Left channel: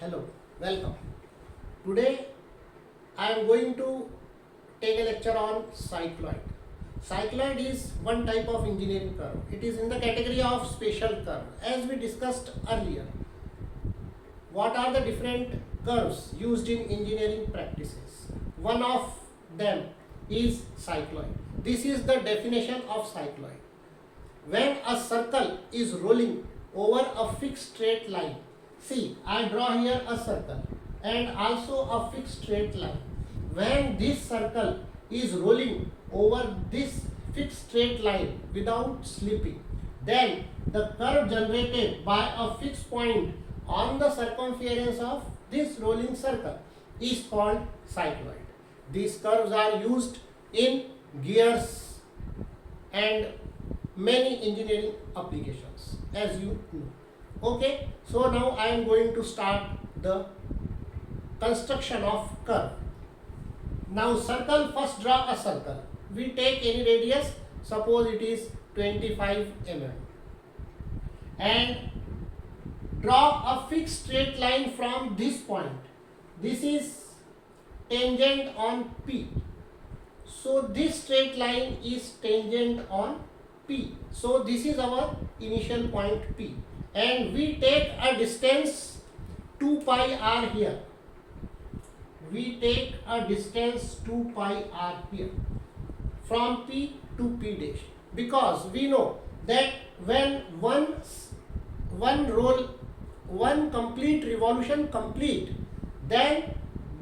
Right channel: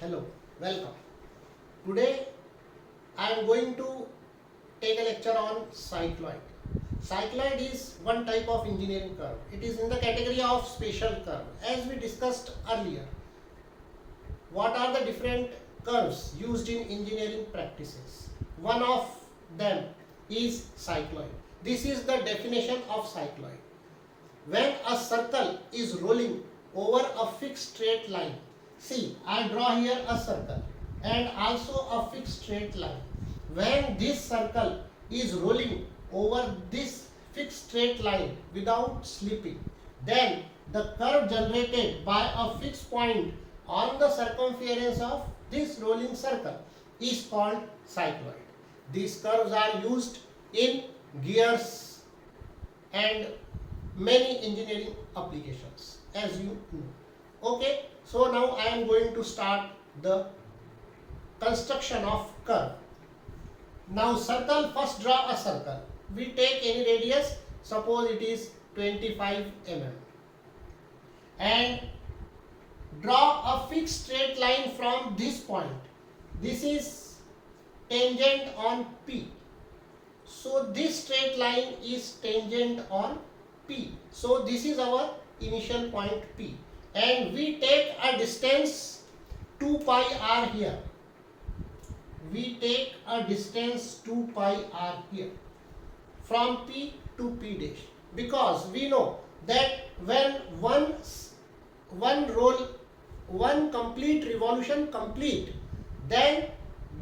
Hello, welcome. Today I am going to take a lecture on cycloid. Cycloid is one type of engineering curve. It is in the category of special curve. As we discussed earlier, what are the different curves used in engineering practices? One of them is cycloid. This is the definition of cycloid. When a circle is rolling over a fixed straight line, see, I draw here a circle and also a fixed straight line. When this circle is rolling over this fixed straight line without slipping, then the curve generated by a fixed point on the circumference of this rolling circle is called cycloid. These curves are used in gears and many engineering applications, as you know. Okay, so now I am going to start the construction of curve. Now circle, first draw a circle. We take any radius, suppose it is 25 mm, and draw a fixed straight line from this point. This is tangent on P. So this straight line is tangent on P. So this is our initial point P, and we take a distance 2 pi r here. We take a distance 2 pi r here from P to P dash, because we know that when one complete revolution complete, then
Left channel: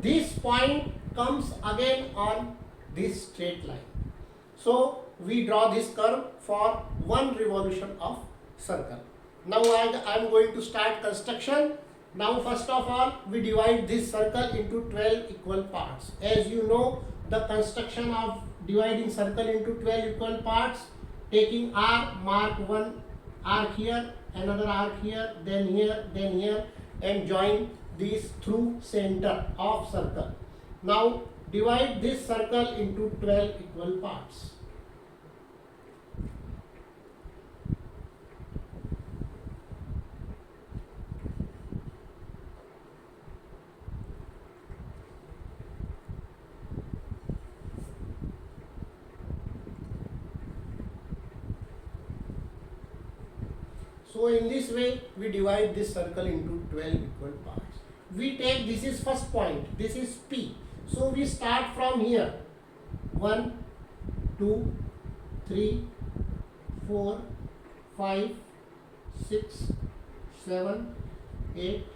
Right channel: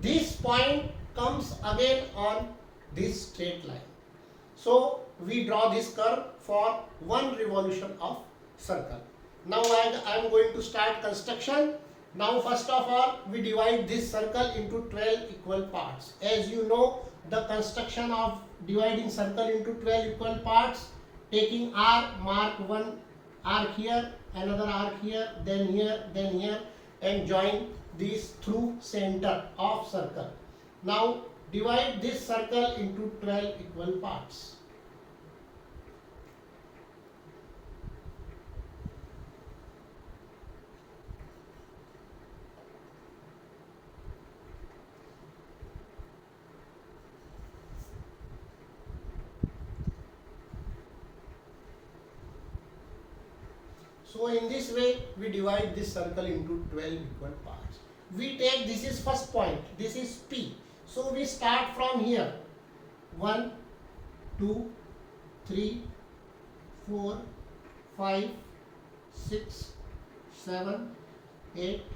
this point comes again on this straight line. So we draw this curve for one revolution of circle. Now I am going to start construction. Now first of all, we divide this circle into 12 equal parts. As you know, the construction of dividing circle into 12 equal parts, taking R, mark one arc here, another arc here, then here, and join these through center of circle. Now divide this circle into 12 equal parts. So in this way we divide this circle into 12 equal parts. We take, this is first point, this is P. So we start from here. 1, 2, 3, 4, 5, 6, 7, 8,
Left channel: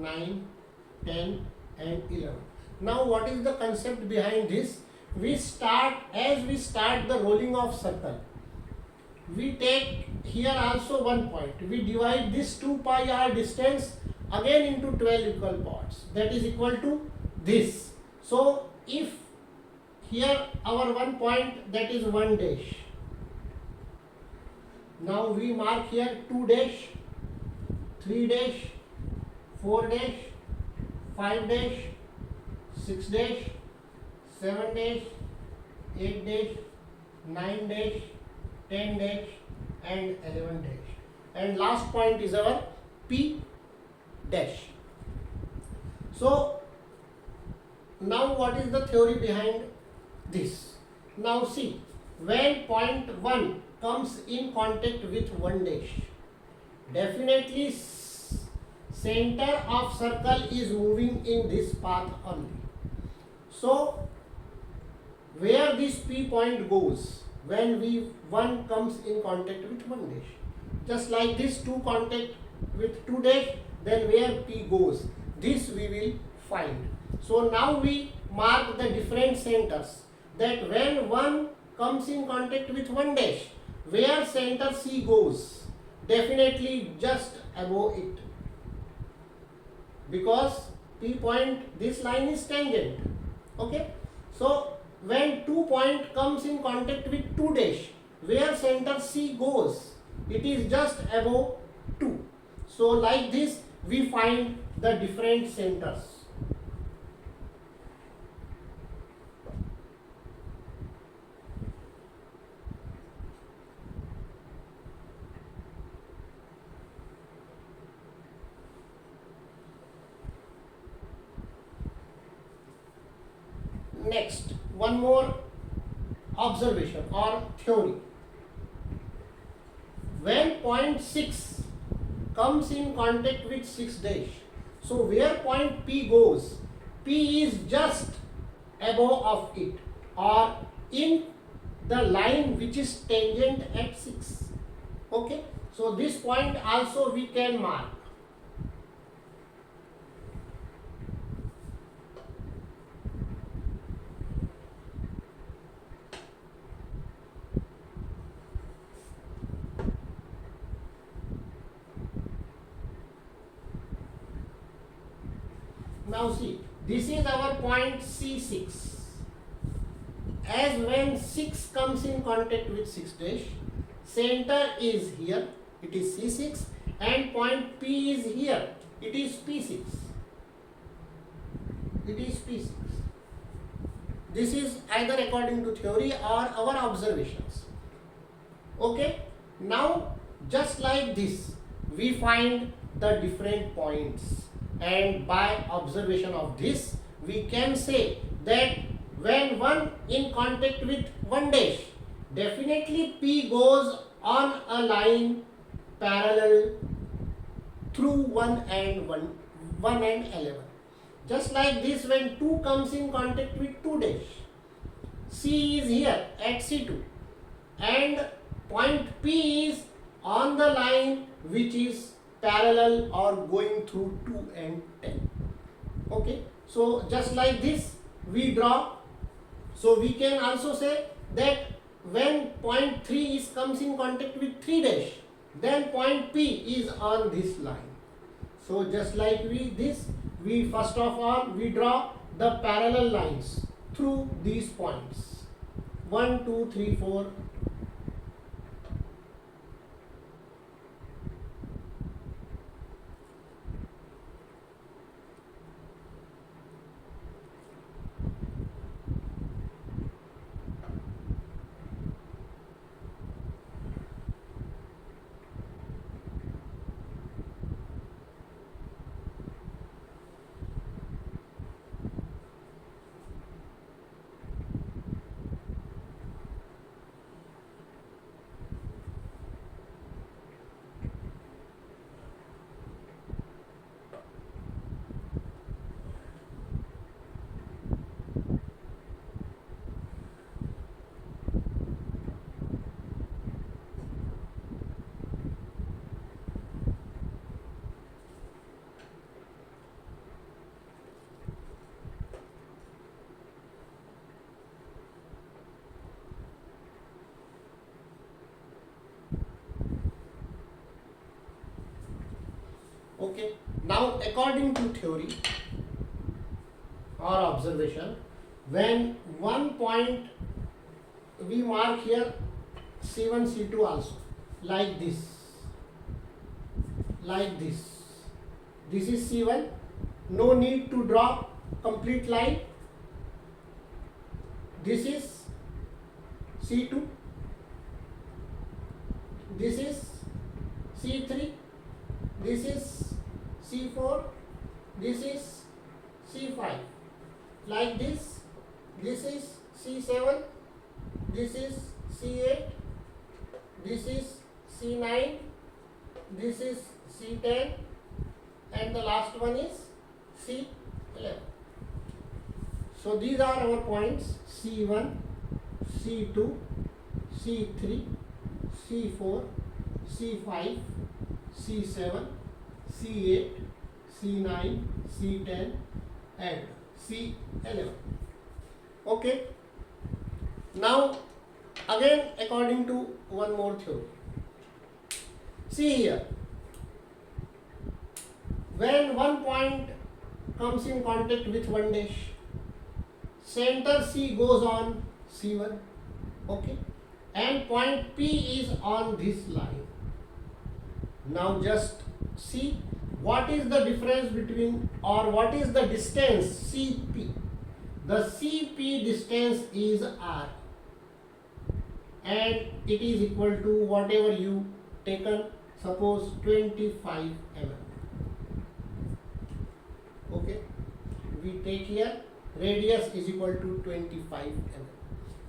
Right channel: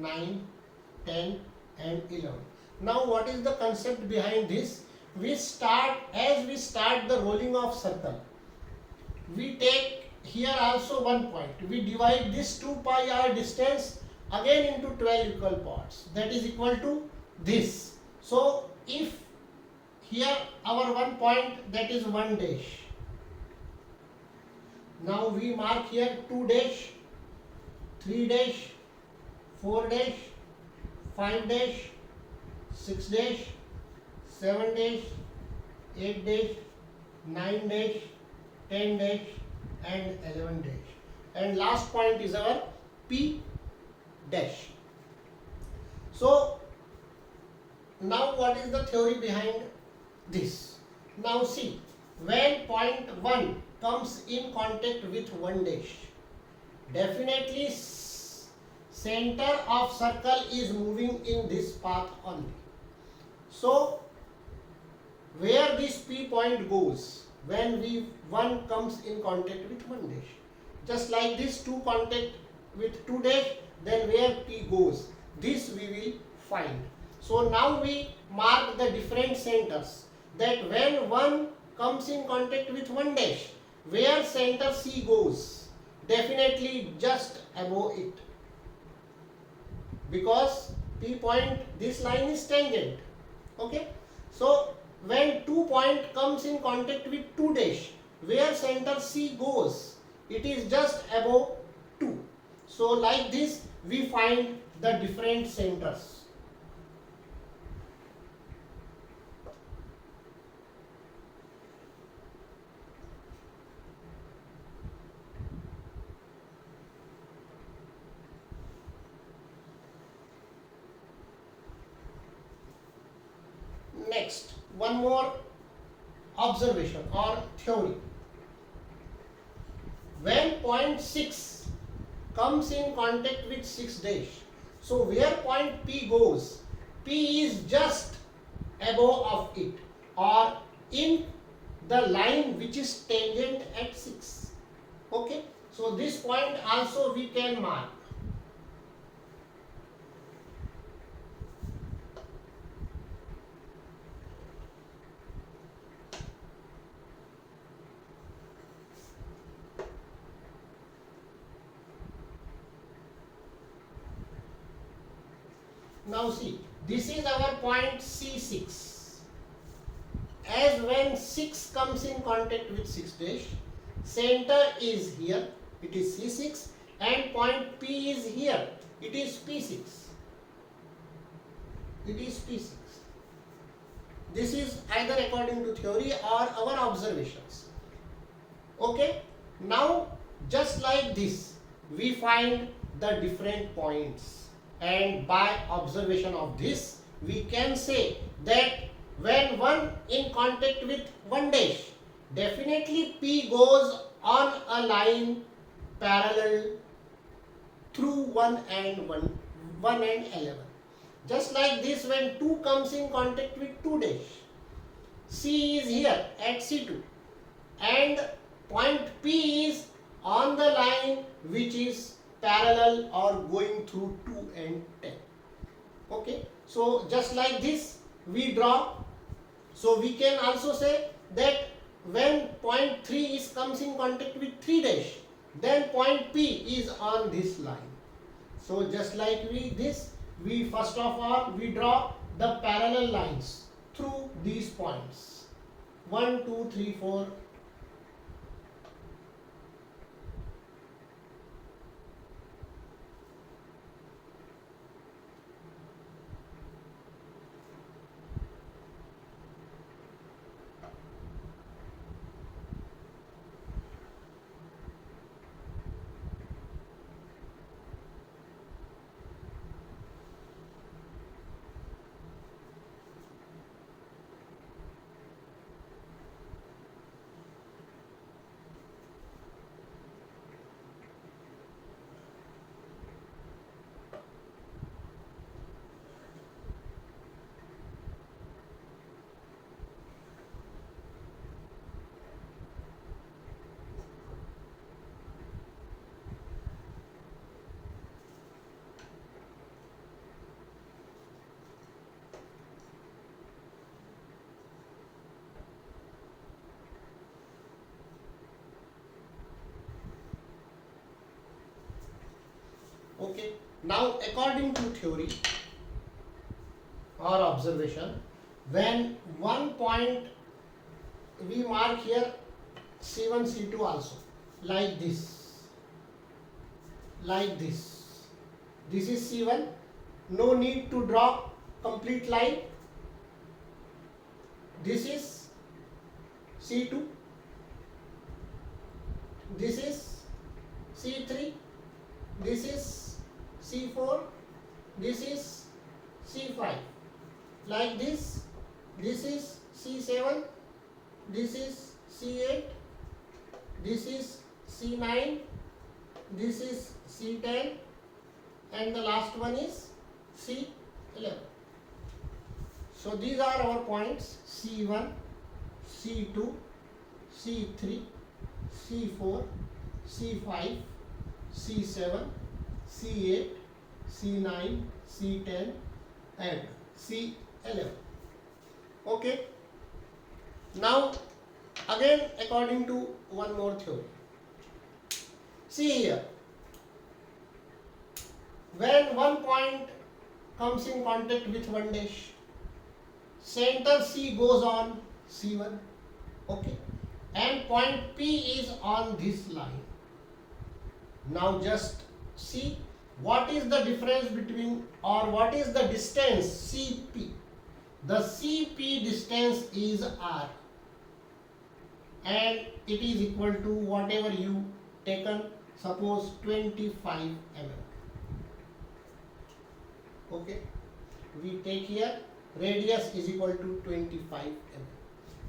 9, 10 and 11. Now what is the concept behind this? We start, as we start the rolling of circle, we take here also one point. We divide this 2 pi r distance again into 12 equal parts. That is equal to this. So if here our one point, that is 1 dash. Now we mark here 2 dash, 3 dash, 4 dash, 5 dash, 6 dash, 7 dash, 8 dash, 9 dash, 10 dash and 11 dash, and last point is our P dash. So now what is the theory behind this? Now see, when point 1 comes in contact with 1 dash, definitely center of circle is moving in this path only. So where this P point goes, when one comes in contact with 1 dash, just like this 2 contact with 2 dash, then where P goes, this we will find. So now we mark the different centers, that when one comes in contact with 1 dash, where center C goes, definitely just above it, because P point, this line is tangent. Okay, so when 2 point comes in contact with 2 dash, where center C goes, it is just above 2. So like this we find the different centers. next one more observation or theory. When point 6 comes in contact with 6 dash, so where point P goes, P is just above of it or in the line which is tangent at 6. Okay, so this point also we can mark. Now see, this is our point C6. As when 6 comes in contact with 6 dash, center is here, it is C6, and point P is here, it is P6. It is P6. This is either according to theory or our observations. Okay, now just like this, we find the different points, and by observation of this, we can say that when one in contact with 1 dash, definitely P goes on a line parallel through 1 and 11. Just like this, when 2 comes in contact with 2 dash, C is here at C2 and point P is on the line which is parallel or going through 2 and 10. Okay, so just like this we draw. So we can also say that when point 3 comes in contact with 3 dash, then point P is on this line. So just like we first of all we draw the parallel lines through these points 1, 2, 3, 4. Okay, now according to theory or observation, when one point we mark here C1, C2 also, like this, this is C1, no need to draw complete line. This is C2, this is C3, this is C4, this is C5, like this is C7, this is C8, this is C9, this is C10, and the last one is C11. So these are our points C1, C2, C3, C4, C5, C7, C8, C9, C10 and C11. Okay. Now again according to one more theory. See here, when one point comes in contact with 1 dash, center C goes on C1, okay, and point P is on this line. Now just see what is the difference between, or what is the distance CP. The CP distance is R and it is equal to whatever you taken, suppose 25 mm. Okay, we take here radius is equal to 25 mm.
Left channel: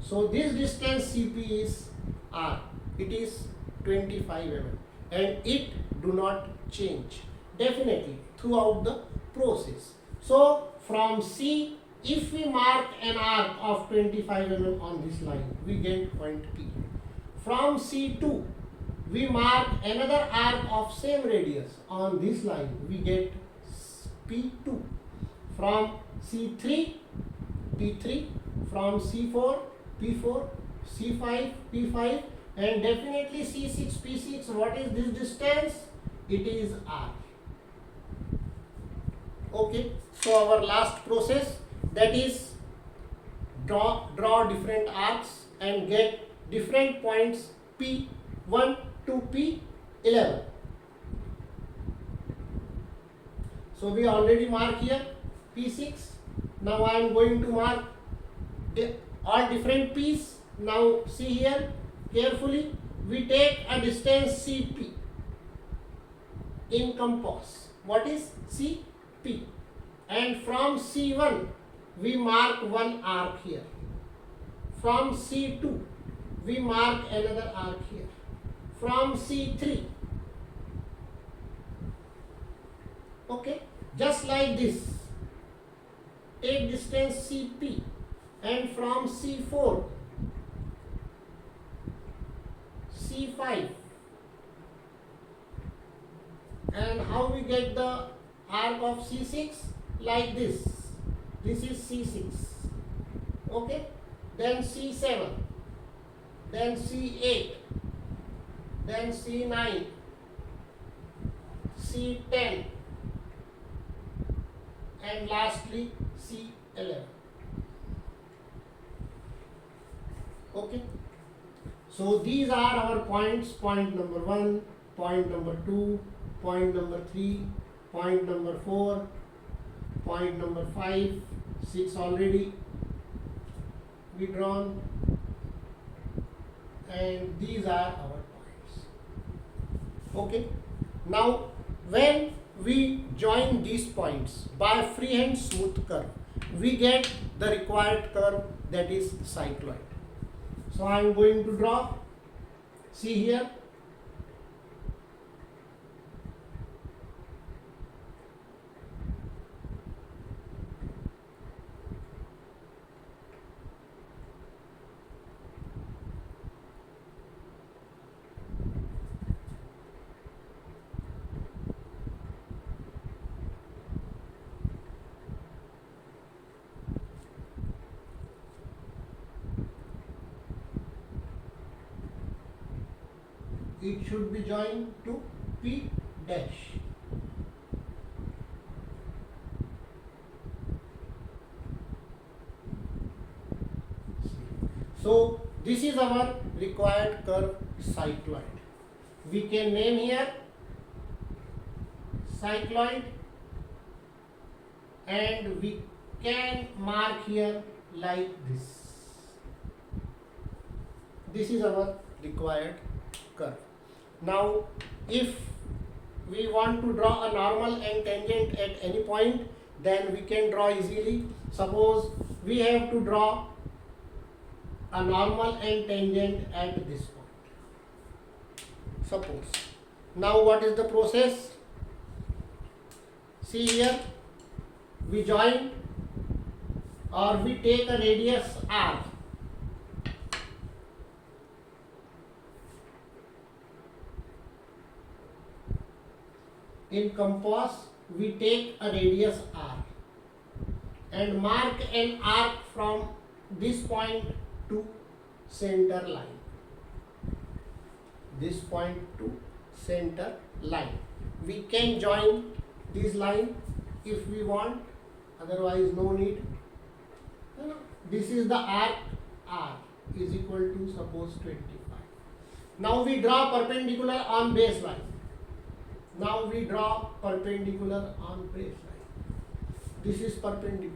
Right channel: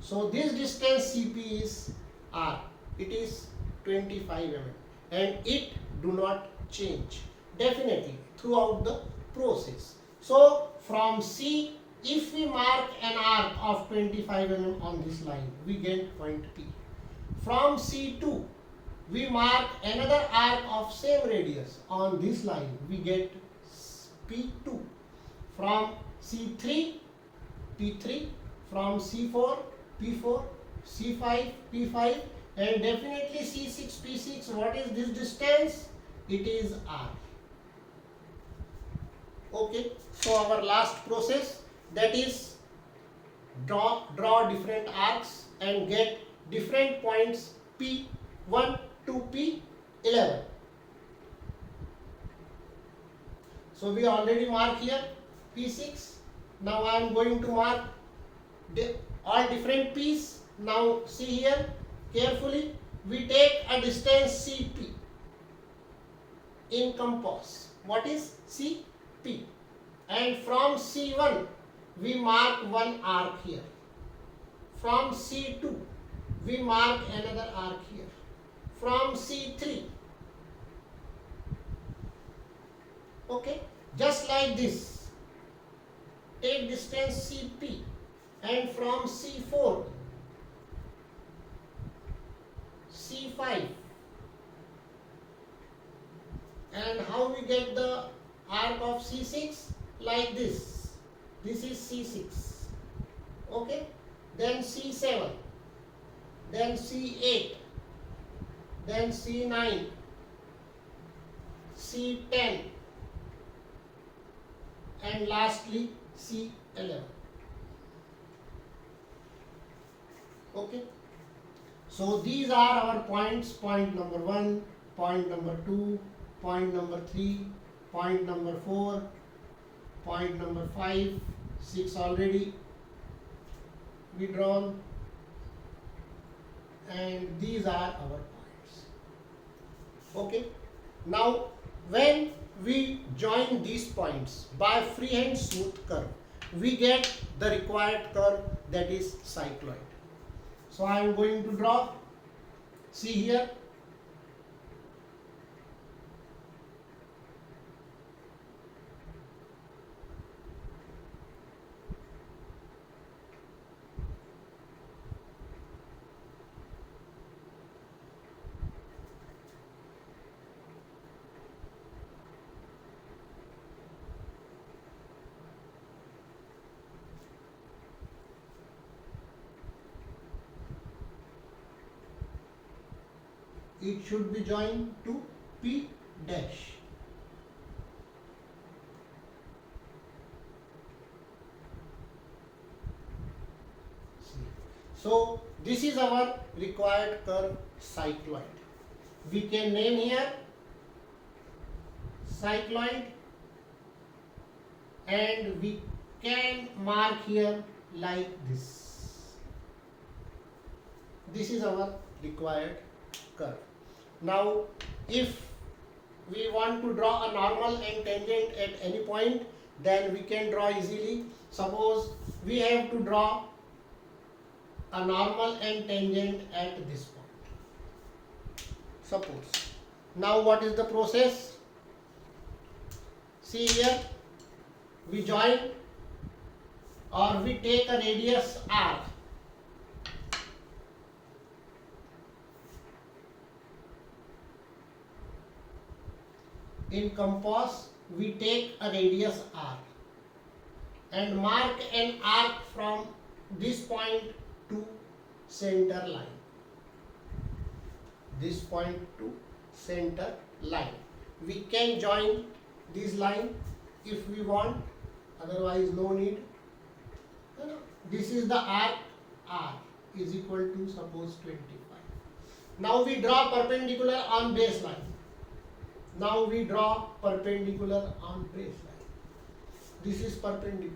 So this distance CP is R. It is 25 mm and it do not change definitely throughout the process. So from C, if we mark an arc of 25 mm on this line, we get point P. From C2, we mark another arc of same radius on this line, we get P2. From C3, P3, from C4, P4, C5, P5, and definitely C6, P6. What is this distance? It is R. Okay, so our last process, that is draw different arcs and get different points P1 to P11. So we already mark here P6. Now I am going to mark all different P's. Now see here carefully. We take a distance CP in compass. What is CP? And from C1 we mark one arc here. From C2 we mark another arc here. From C3. Okay, just like this. Take distance CP and from C4, C5, and how we get the arc of C6? Like this. This is C6. Okay, then C7, then C8, then C9, C10, and lastly C11. Okay, so these are our points: point number 1, point number 2, point number 3, point number 4, point number 5, 6 already we drawn, and these are our points. Okay, now when we join these points by freehand smooth curve, we get the required curve, that is cycloid. So I am going to draw. See here. It should be joined to P dash. So this is our required curve cycloid. We can name here cycloid, and we can mark here like this. This is our required curve. Now if we want to draw a normal and tangent at any point, then we can draw easily. Suppose we have to draw a normal and tangent at this point. Suppose. Now what is the process? See here, we join or we take a radius R. In compass, we take a radius R and mark an arc from this point to center line. This point to center line. We can join this line if we want, otherwise no need. This is the arc R is equal to suppose 25. Now we draw perpendicular on baseline. Now we draw perpendicular on baseline. This is perpendicular.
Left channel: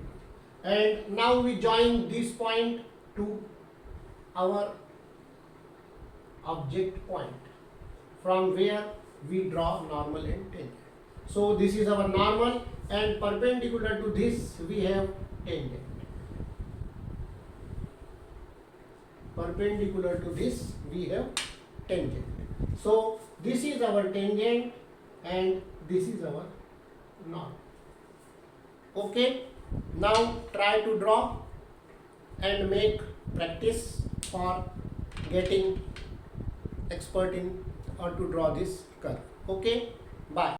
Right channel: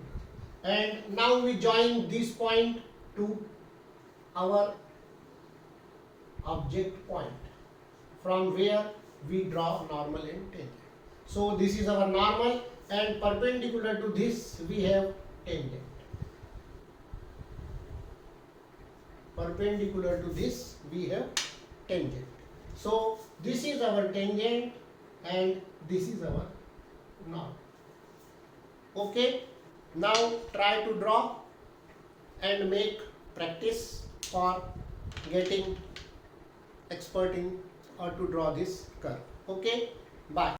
And now we join this point to our object point, from where we draw normal and tangent. So this is our normal, and perpendicular to this we have tangent. perpendicular to this we have tangent. So this is our tangent and this is our norm. Okay, now try to draw and make practice for getting expert in or to draw this curve. Okay, bye.